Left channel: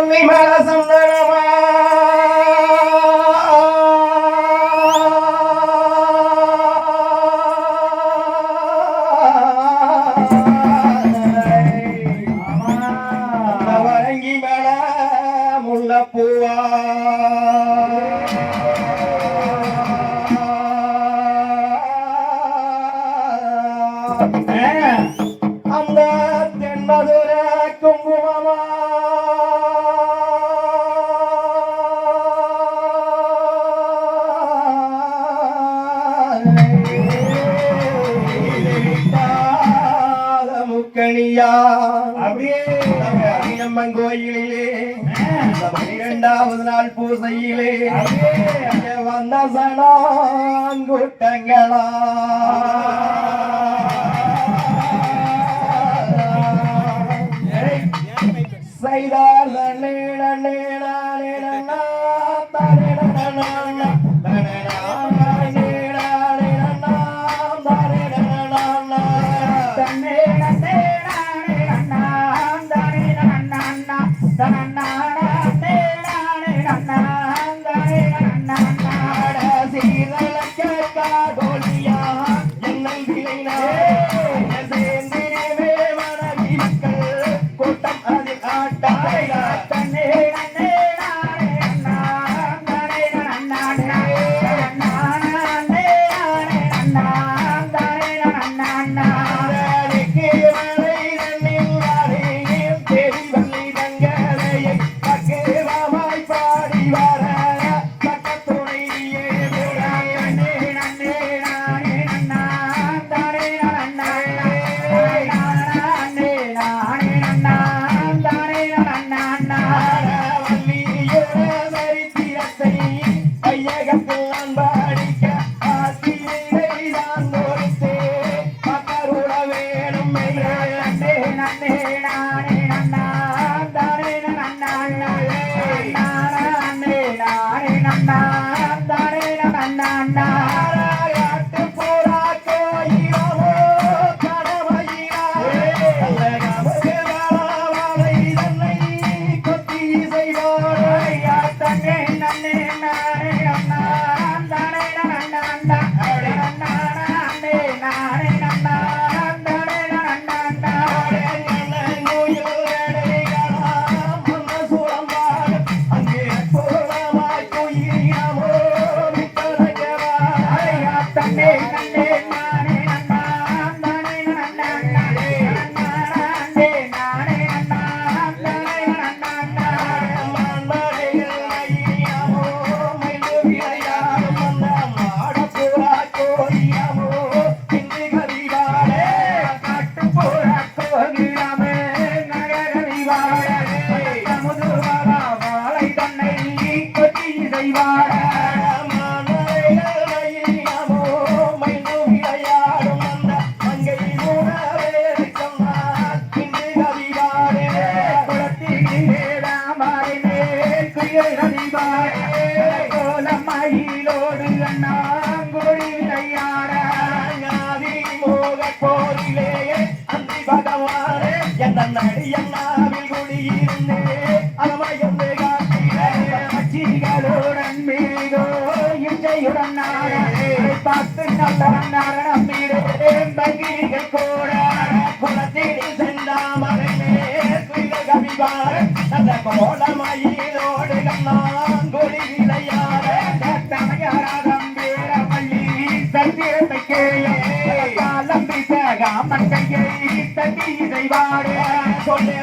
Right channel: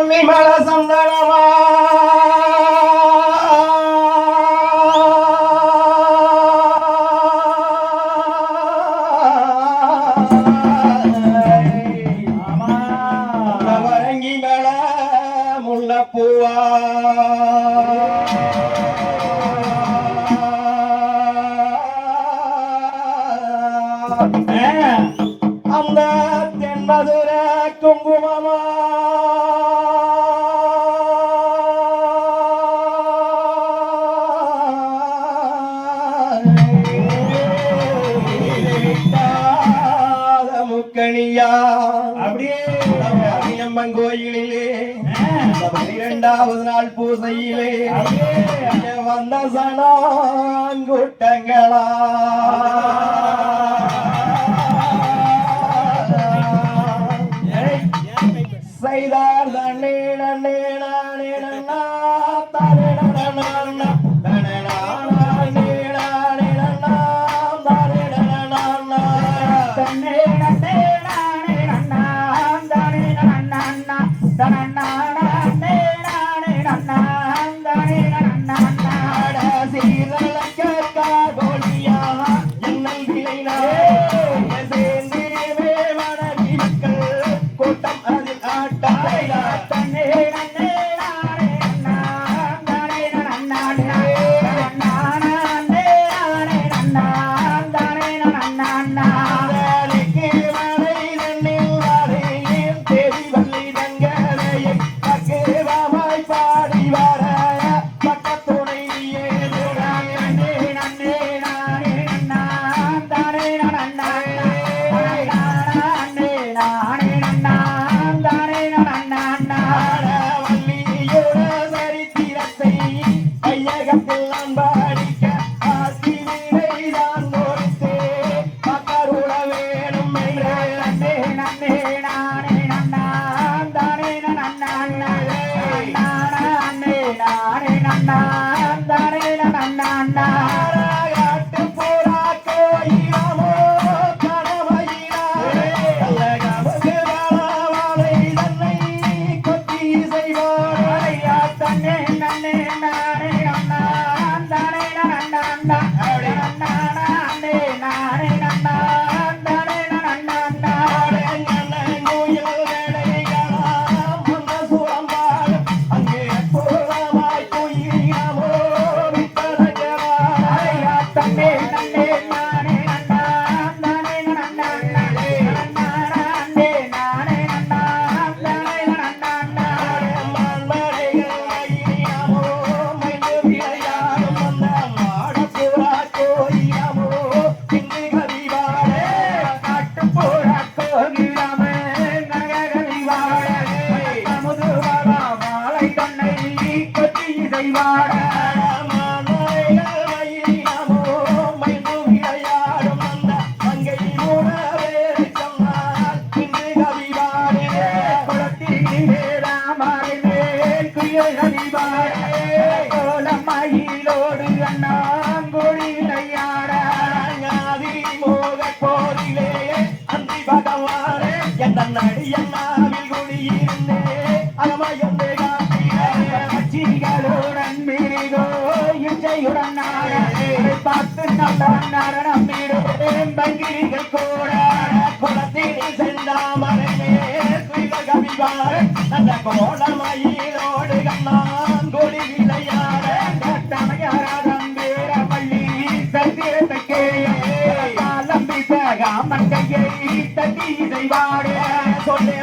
విమల సుందరమా? அம்மன் கோயிலிலே இரண்டாவது நாள் பூசையிலே வந்த சனாங்குட்டங்களா செய்தார் நன்னீட நீட நீட தாரிட Sana பார்த்து நல்ல நரணம் நீரே பங்கிரிகள் கோ தட்டி தட்டி இசைவாடு சொல்ல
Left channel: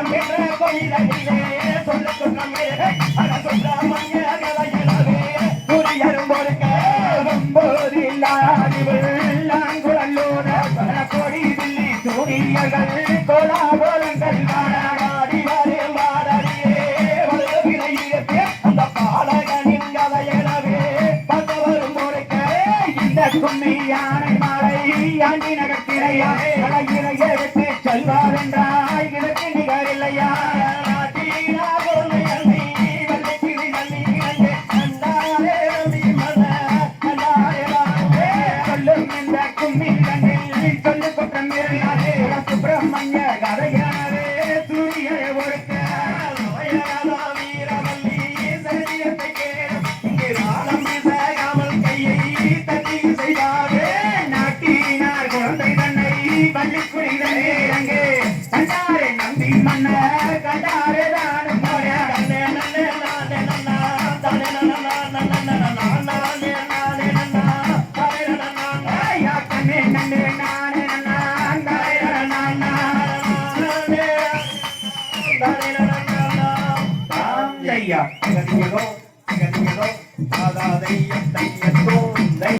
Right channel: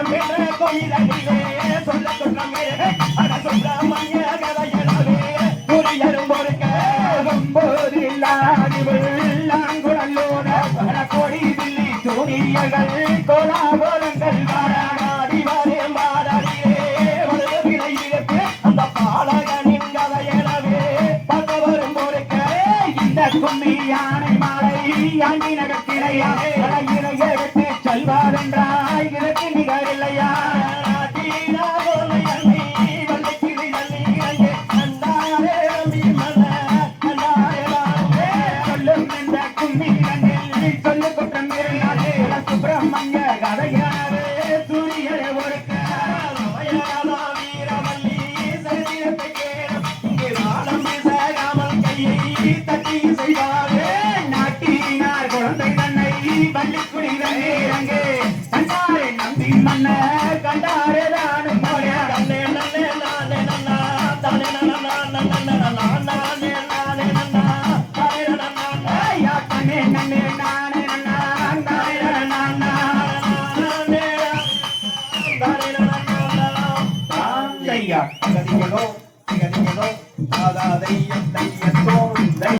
கும்மி யானை மாலை யாண்டி நகர்த்திரையே. பாருண்டாய் கிழக்கு நிகர் இல்லையா சொல்லு குற்றம்